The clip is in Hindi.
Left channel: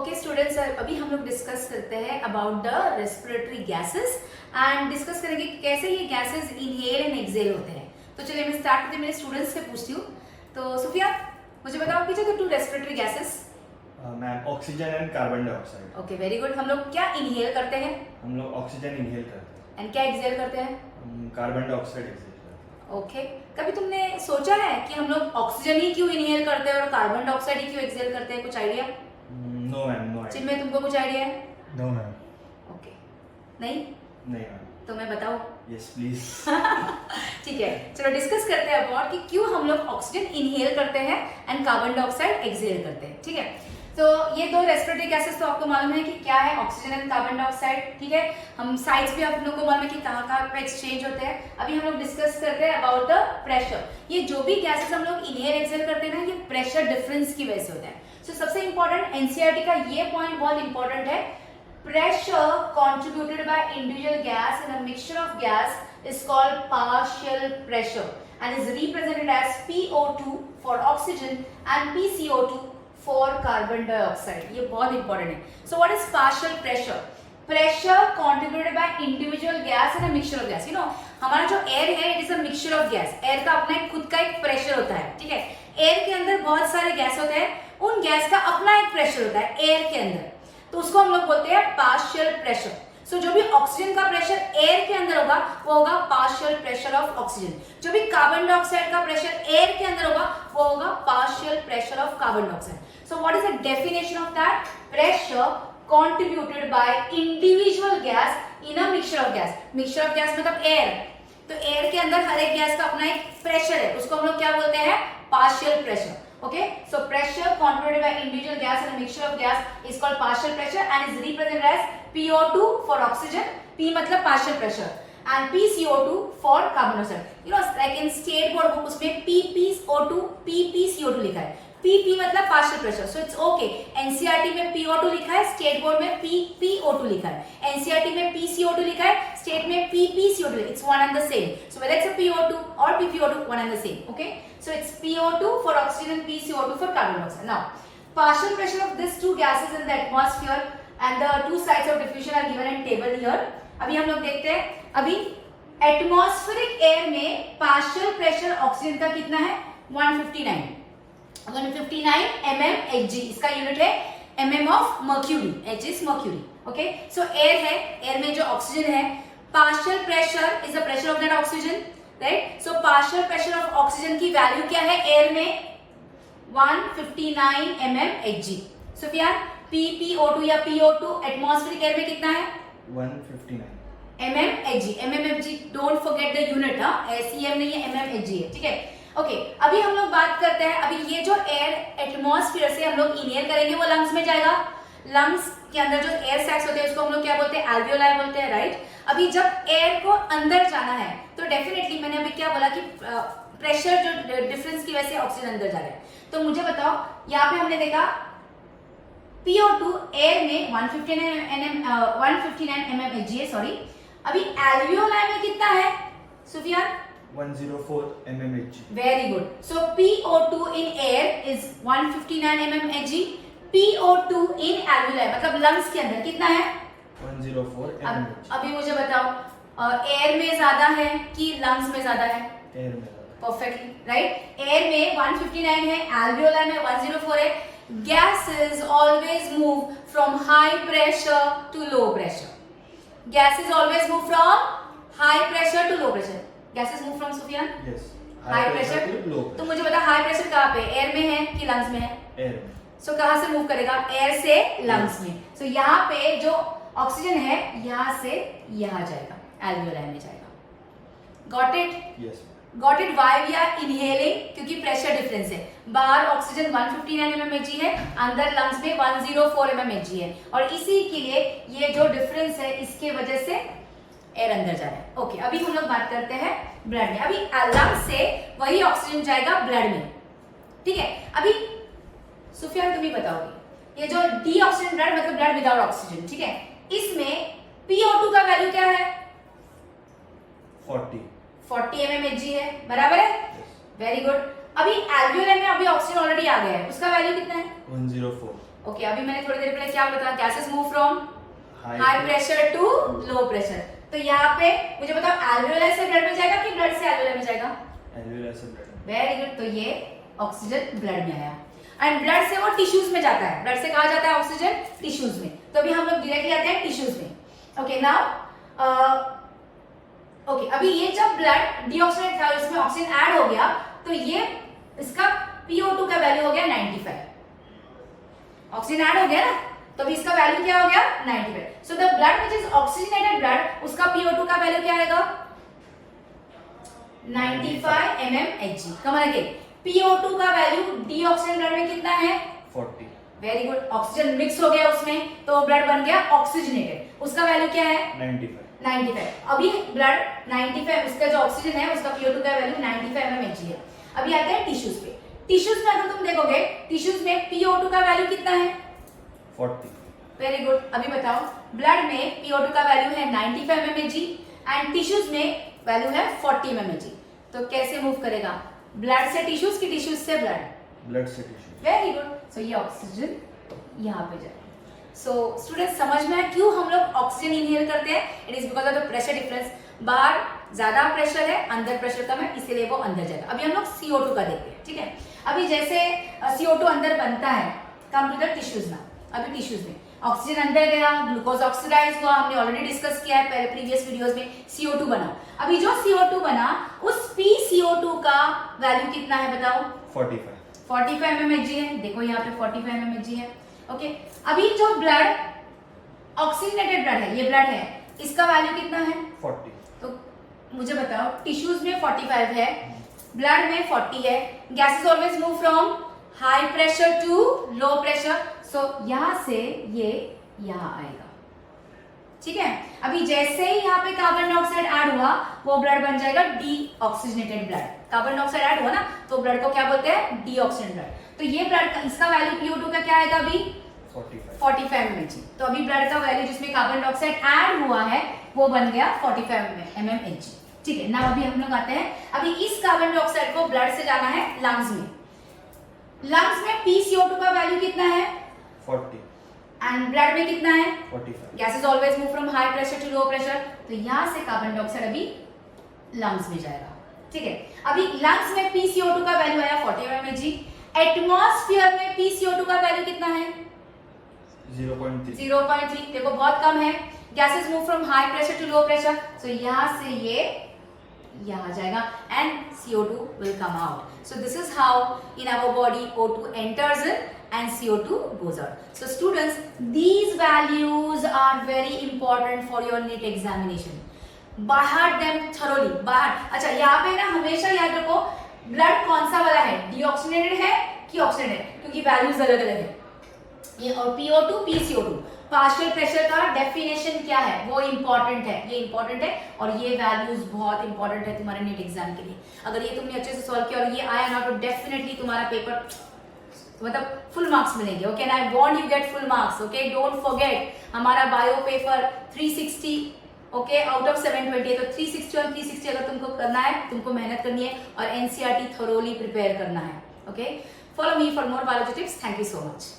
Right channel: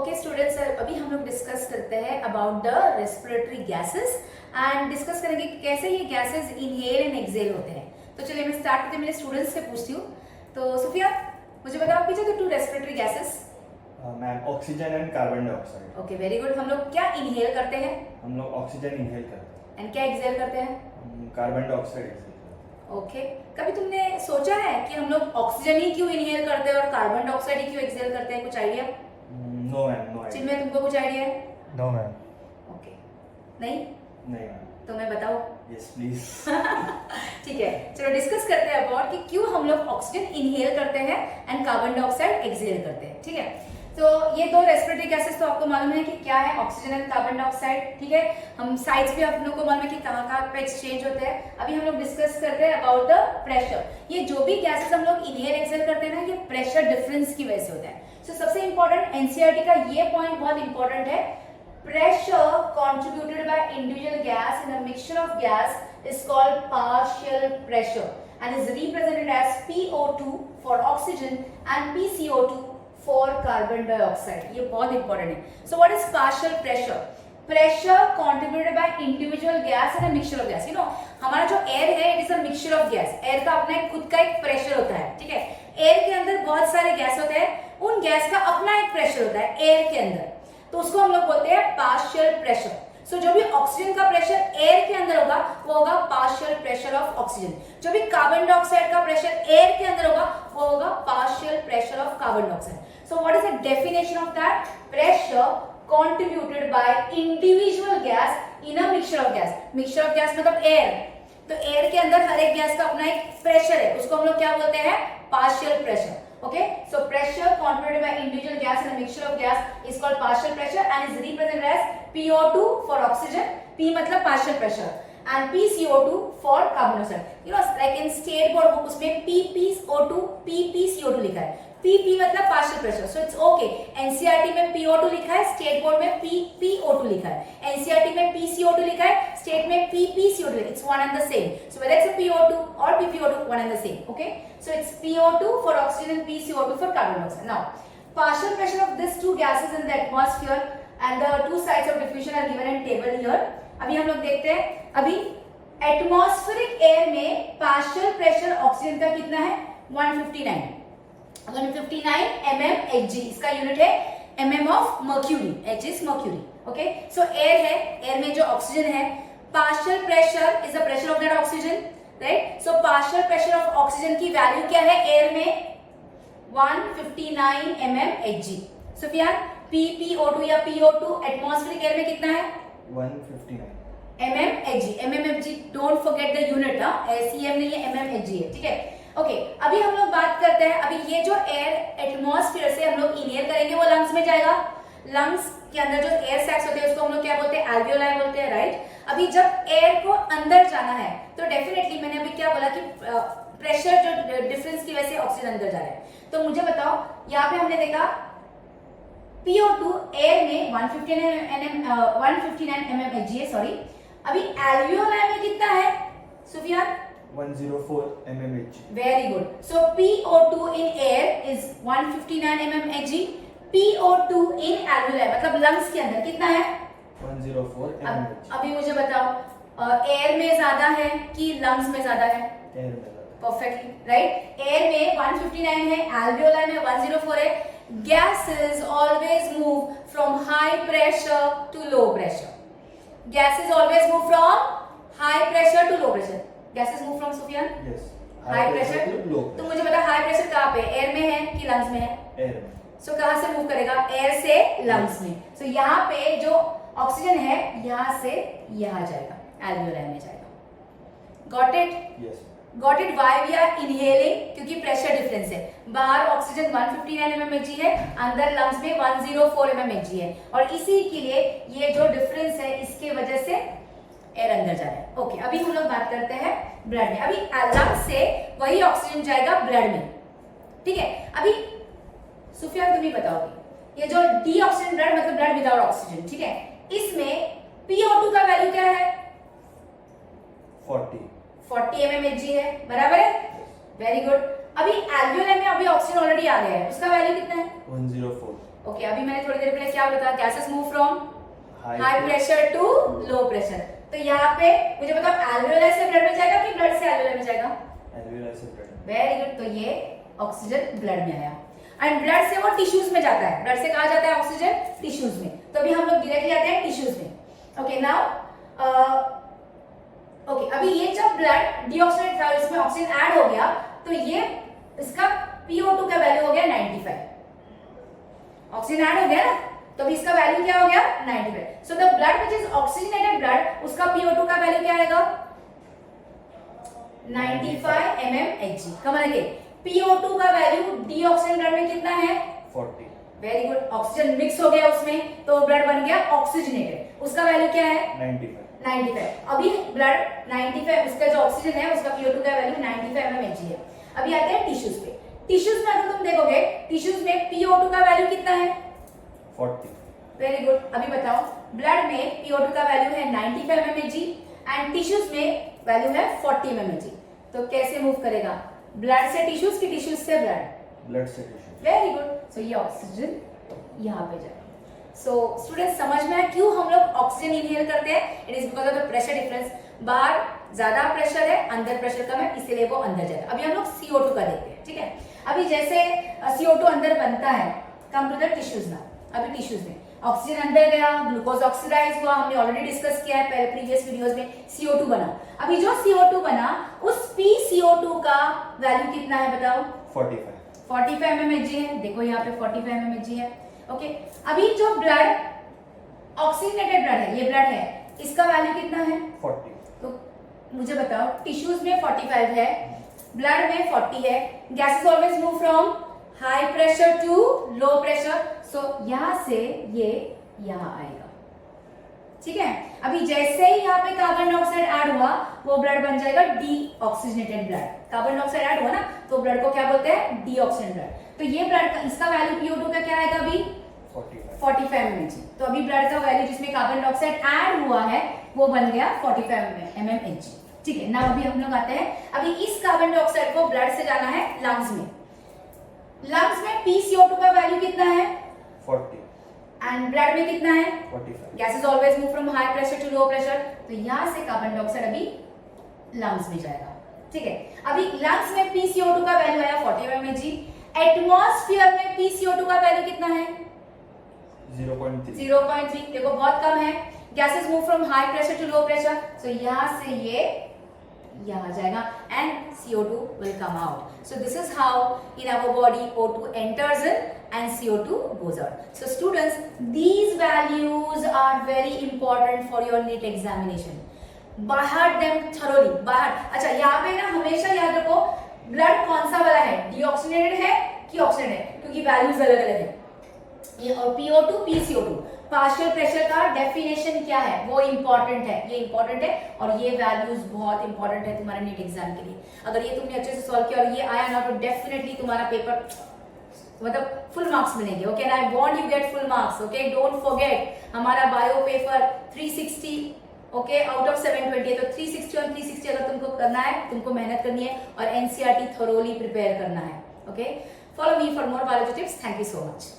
ओके स्टूडेंट्स, अभी हम लोग डिस्कस करते हैं about the respiratory gases and discuss करेंगे कि कैसे ये गैसेस इनहेल एंड एक्सहेल होते हैं। तो चलिए मैं स्टार्ट करते मेरे स्टूडेंट्स से पूछती हूँ। तो सुफिया, मुझे बताओ कि जो two respiratory gases. Ma'am oxygen and carbon dioxide. Okay, very good. हम लोग क्या इनहेल करते हैं हम लोग ऑक्सीजन इनहेल करते हैं, एंड क्या एक्सहेल करते हैं? कार्बन डाइऑक्साइड एक्सहेल करते हैं। ओके, कभी तुमने सोचा है कि हम लोग ऑक्सीजन ही क्यों इनहेल करते हैं और कार्बन डाइऑक्साइड ही क्यों एक्सहेल करते हैं? कुछ idea? No ma'am, no idea. जिनमें तुमको कुछ आइडिया है? No ma'am. ओके, नहीं नहीं मैम। तो मैं बताऊं? Yes please. ठीक है, चलो डिस्कस करते हैं अबाउट कि क्यों हम लोग ऑक्सीजन इनहेल करते हैं एंड कार्बन डाइऑक्साइड एक्सहेल करते हैं। ठीक है, तो ये दो रेस्पिरेटरी गैसेस तो आपको मालूम है कि क्या है, ऑक्सीजन एंड कार्बन डाइऑक्साइड। ठीक है, हम साइड्स भी आप लोगों को मालूम है कि कहाँ कहाँ पे एक्सचेंज होते हैं। अभी हम लोग डिस्कस करते हैं अबाउट द प्रेशर। ये जो भी गैसेस हम लोग इनहेल एक्सहेल करते हैं ना, ये प्रेशर डिफरेंस की वजह से होता है। तो सबसे इंपॉर्टेंट एनसीईआरटी का ये पॉइंट बहुत इंपॉर्टेंट है। Pressure contributed by individual gas in a mixture of gas is called partial pressure and is represented as PO2 for oxygen and PCO2 for carbon dioxide. ये बहुत इंपॉर्टेंट है। So what is partial pressure? Pressure contributed by individual gas and a mixture of gas. You know, हमारा जो एयर है it is a mixture of gas. Air का अपना खुद का एक प्रेशर होता है। ठीक है, एयर के अंदर बहुत सारे गैस होते हैं, उन गैस का अपना एक प्रेशर होता है एयर के अंदर, तो उसको हम लोग बोलते हैं पार्शियल प्रेशर। सो जो भी ऑक्सीजन का प्रेशर एयर के अंदर होगा वो होगा पार्शियल प्रेशर ऑफ ऑक्सीजन। जो भी कार्बन डाइऑक्साइड का प्रेशर एयर के अंदर होगा वो होगा partial pressure of carbon dioxide. So what is the definition of that? Pressure contributed by individual gas in a mixture of gas. Mixture of gas मतलब एयर, तो एयर के अंदर हर एक गैस का अपना एक प्रेशर है, उसको हम लोग क्या बोलते हैं? Partial pressure. Okay, so pressure contributed by individual gas and a mixture of gas is called partial pressure and is represented as PO2 for oxygen, P मतलब partial pressure, and PCO2 for carbon dioxide. You know, like in state board book उसमें PPO2, PPCO2 लिखा है। PP मतलब partial pressure, so it's okay. NCERT में PO2 लिखा है, state board में PPO2 लिखा है। NCERT में PCO2 लिखा है, state में PPCO2 लिखा है। It's one and the same. So whether it's a PO2 or PPO2, one and the same. Okay. So it's PO2 for oxygen and PCO2 for carbon dioxide. Now, partial pressure of these two gases in the atmosphere and the two sides of diffusion are given in table here. अभी हम लोग देखते हैं। अभी एटमॉस्फेरिक एयर में पार्शियल प्रेशर ऑक्सीजन का कितना है? 159 mmHg। इसका यूनिट है mm of mercury. H is mercury. Okay, so air है, एयर में जो ऑक्सीजन है, partial pressure is the pressure of that oxygen, right? So partial pressure of oxygen की वैल्यू क्या है एयर में? 159 mmHg। सुफियान, PPO2 या PO2 एटमॉस्फेरिक एयर में कितना है? 159 mmHg। mmHg, don't forget the unit. SEM नहीं है, mmHg है। ठीक है, ओके, अभी हम लोग बात करते हैं। अभी ये जो एयर एटमॉस्फेयर से हम लोग इनहेल करेंगे वो लंग्स में जाएगा। लंग्स के अंदर जो एयर सैक्स होते हैं उसको हम लोग क्या बोलते हैं? एल्वियोलाई बोलते हैं, राइट? अभी जब एयर को अंदर जाना है तो डेफिनेटली मैंने अभी क्या बोला कि प्रेशर जो डिफरेंस की वजह से ऑक्सीजन अंदर जा रहा है। तो मुझे बताओ, यहाँ पे हमने देखा PO2 एयर में 159 mmHg है, सॉरी। अभी एल्वियोलाई में कितना है Sufiyan? 104 mmHg। Very good. So PO2 in air is 159 mmHg. PO2 in alveoli मतलब लंग्स के अंदर कितना है? 104 mmHg। अभी मुझे बताओ, एयर में ज्यादा है कि लंग्स में ज्यादा है? एयर में ज्यादा। Perfectly right. एयर में 159 है, alveoli में 104 है। Gases always move from high pressure to low pressure. Gases always move from high pressure to low pressure. Gases move from Sufyan? Yes. High pressure to low तो मुझे बता हाई प्रेशर कहाँ पे? एयर में है कि लंग्स में है? एयर में। सो कहाँ से मूव करेगा? एयर से लंग्स में। सो यहाँ पे जो ऑक्सीजन है यहाँ से यहाँ जाएगा, एल्वियोलाई में जाएगा। Got it? Yes. Got it? Why we are inhaling? क्योंकि प्रेशर डिफरेंस है। बाहर ऑक्सीजन 159 mmHg है, अंदर लंग्स में 104 mmHg है, और इसी के लिए ये जो डिफरेंस है इसके वजह से एयर अंदर जा रहा है। ओके, अभी हम लोग बात करते हैं ब्लड में। अभी लंग्स से वही ऑक्सीजन जाएगा ब्लड में। ठीक है, अभी सुफियान तुम ही बताओगी, ये जो डीऑक्सीजन ब्लड मतलब ब्लड विदाउट ऑक्सीजन, ठीक है, इसमें PO2 का वैल्यू क्या है? 40 mmHg है, बराबर है? Very good. अभी एल्वियोलाई में अभी ऑक्सीजन ऑलरेडी आ गया है, उसका वैल्यू कितना है? 104 ओके अभी मैंने थोड़ी देर पहले क्या बताया, gases move from High high pressure to low pressure. तो यहाँ पे मुझे बताओ एल्वेओलाई से ब्लड में जाएगा कि ब्लड से एल्वेओलाई में जाएगा? alveolar से blood। Very good. तो ये ऑक्सीजन ब्लड में आया एंड ब्लड से वो टिश्यूज में जाता है। ब्लड से कहा जाता है ऑक्सीजन टिश्यूज में, तो अभी हम लोग डायरेक्टली आते हैं टिश्यूज में। ओके नाउ ओके अभी ये जब ब्लड डीऑक्सीनेट था इसमें ऑक्सीजन ऐड हो गया तो ये इसका PO2 का वैल्यू हो गया 95। ऑक्सीजन ऐड हो गया ना, तो अभी इसका वैल्यू क्या हो गया 95। So the blood which is oxygenated blood उसका PO2 का वैल्यू क्या आएगा 95 mmHg। कम अगेन PO2 का वैल्यू डीऑक्सीजन ब्लड में कितना है 40। Very good. ऑक्सीजन मिक्स हो गया उसमें तो ब्लड बन गया ऑक्सीजनेटेड, उसका वैल्यू क्या है 95। अभी ब्लड 95 उसका जो ऑक्सीजन है उसका PO2 का वैल्यू 95 mmHg है। अभी आते हैं टिश्यूज पे। टिश्यूज में अगर तुम देखोगे टिश्यूज में PO2 का वैल्यू कितना है 40। Very good. अभी बताओ ब्लड में PO2 का वैल्यू है 95 mmHg एंड टिश्यूज में वैल्यू है 40 mmHg। तो कैसे मूव करेगा, ब्लड से टिश्यूज की टिश्यूज से ब्लड से टिश्यू। Very good. सो ये ऑक्सीजन यहाँ पे जाएगा। सो स्टूडेंट्स समझ में आया क्यों हम लोग ऑक्सीजन इनहेल करते हैं? It is because of the pressure difference. बाहर ज्यादा प्रेशर है, अंदर प्रेशर कम है, इसीलिए वो अंदर जाएगा। अभी हम लोग CO2 का देखते हैं, ठीक है। अभी जैसे CO2 अंदर बनता है, कम टू द टिश्यूज ना। अभी टिश्यूज में ऑक्सीजन अंदर गया, ग्लूकोज ऑक्सीडाइज हुआ, हमने ऑलरेडी डिस्कस किया है पहले प्रीवियस वीडियोस में। CO2 बना। अभी जो CO2 बना उस PCO2 का वैल्यू कितना है बताओ 45 mmHg है। देखो यहाँ पे 45 mmHg है। ओके अभी जो ब्लड ऑक्सीजनेटेड ब्लड है, ये ब्लड है, इसका वैल्यू कितना है 40। तो मुझे बताओ टिश्यूज में 45 है, ब्लड में 40 है। Gases always move from high pressure to low pressure. So यहां से ये यहां आएगा, ठीक है। अभी जैसे ही यहाँ पे कार्बन डाइऑक्साइड ऐड हुआ वो ब्लड बन जाएगा deoxygenated blood. Carbon dioxide add हुआ ना तो ब्लड को क्या बोलते हैं डीऑक्सीजनेटेड ब्लड। तो ये ब्लड इसका वैल्यू PO2 का क्या आएगा अभी 45 mmHg। तो अभी ब्लड का वैल्यू जिसमें कार्बन डाइऑक्साइड ऐड हुआ है वो बन गया 45 mmHg, ठीक है ना। अभी हम लोग आते हैं, अभी इस कार्बन डाइऑक्साइड को ब्लड से जाना है लंग्स में। लंग्स में PCO2 का वैल्यू कितना है 40 एंड ब्लड में कितना है 45। Gases always move from high pressure to low pressure. तो यहां से कार्बन डाइऑक्साइड अभी लंग्स में जाएगा, ठीक है। अभी लंग्स में PCO2 का वैल्यू आया 40 mmHg। एटमॉस्फेयर में PCO2 का वैल्यू कितना है 0.3। देखो बहुत कम है। Gases move from high pressure to low pressure. So यहां से ये यहां जाएगा and CO2 will come out. So this is how in our body O2 enters in and CO2 goes out. So students, these values are very important for your NEET examination. बाहर them thoroughly बाहर। अच्छा यहाँ पे ना हमेशा याद रखो ब्लड कौन सा वाला है, डीऑक्सीजनेटेड है कि ऑक्सीजनेटेड है, क्योंकि वैल्यूज अलग अलग है। ये और PO2 PCO2 पार्शियल प्रेशर का डेफिनेशन क्या है वो इंपॉर्टेंट है, ये इंपॉर्टेंट है और ये वैल्यूज बहुत इंपॉर्टेंट है तुम्हारे नीट एग्जाम के लिए। अगर ये तुमने अच्छे से सॉल्व किया और ये आया ना तो डेफिनेटली तुम्हारा पेपर मतलब फुल मार्क्स मिलेंगे। Okay and I want you get full marks. Okay don't forget हमारा bio paper 360 okay out of 720 है, तो 360 और 360 अगर तुमको करना है, तुमको मेहनत करनी है और NCERT थोरोली प्रिपेयर करना है। Okay follow me for more biology tips. Thank you so much.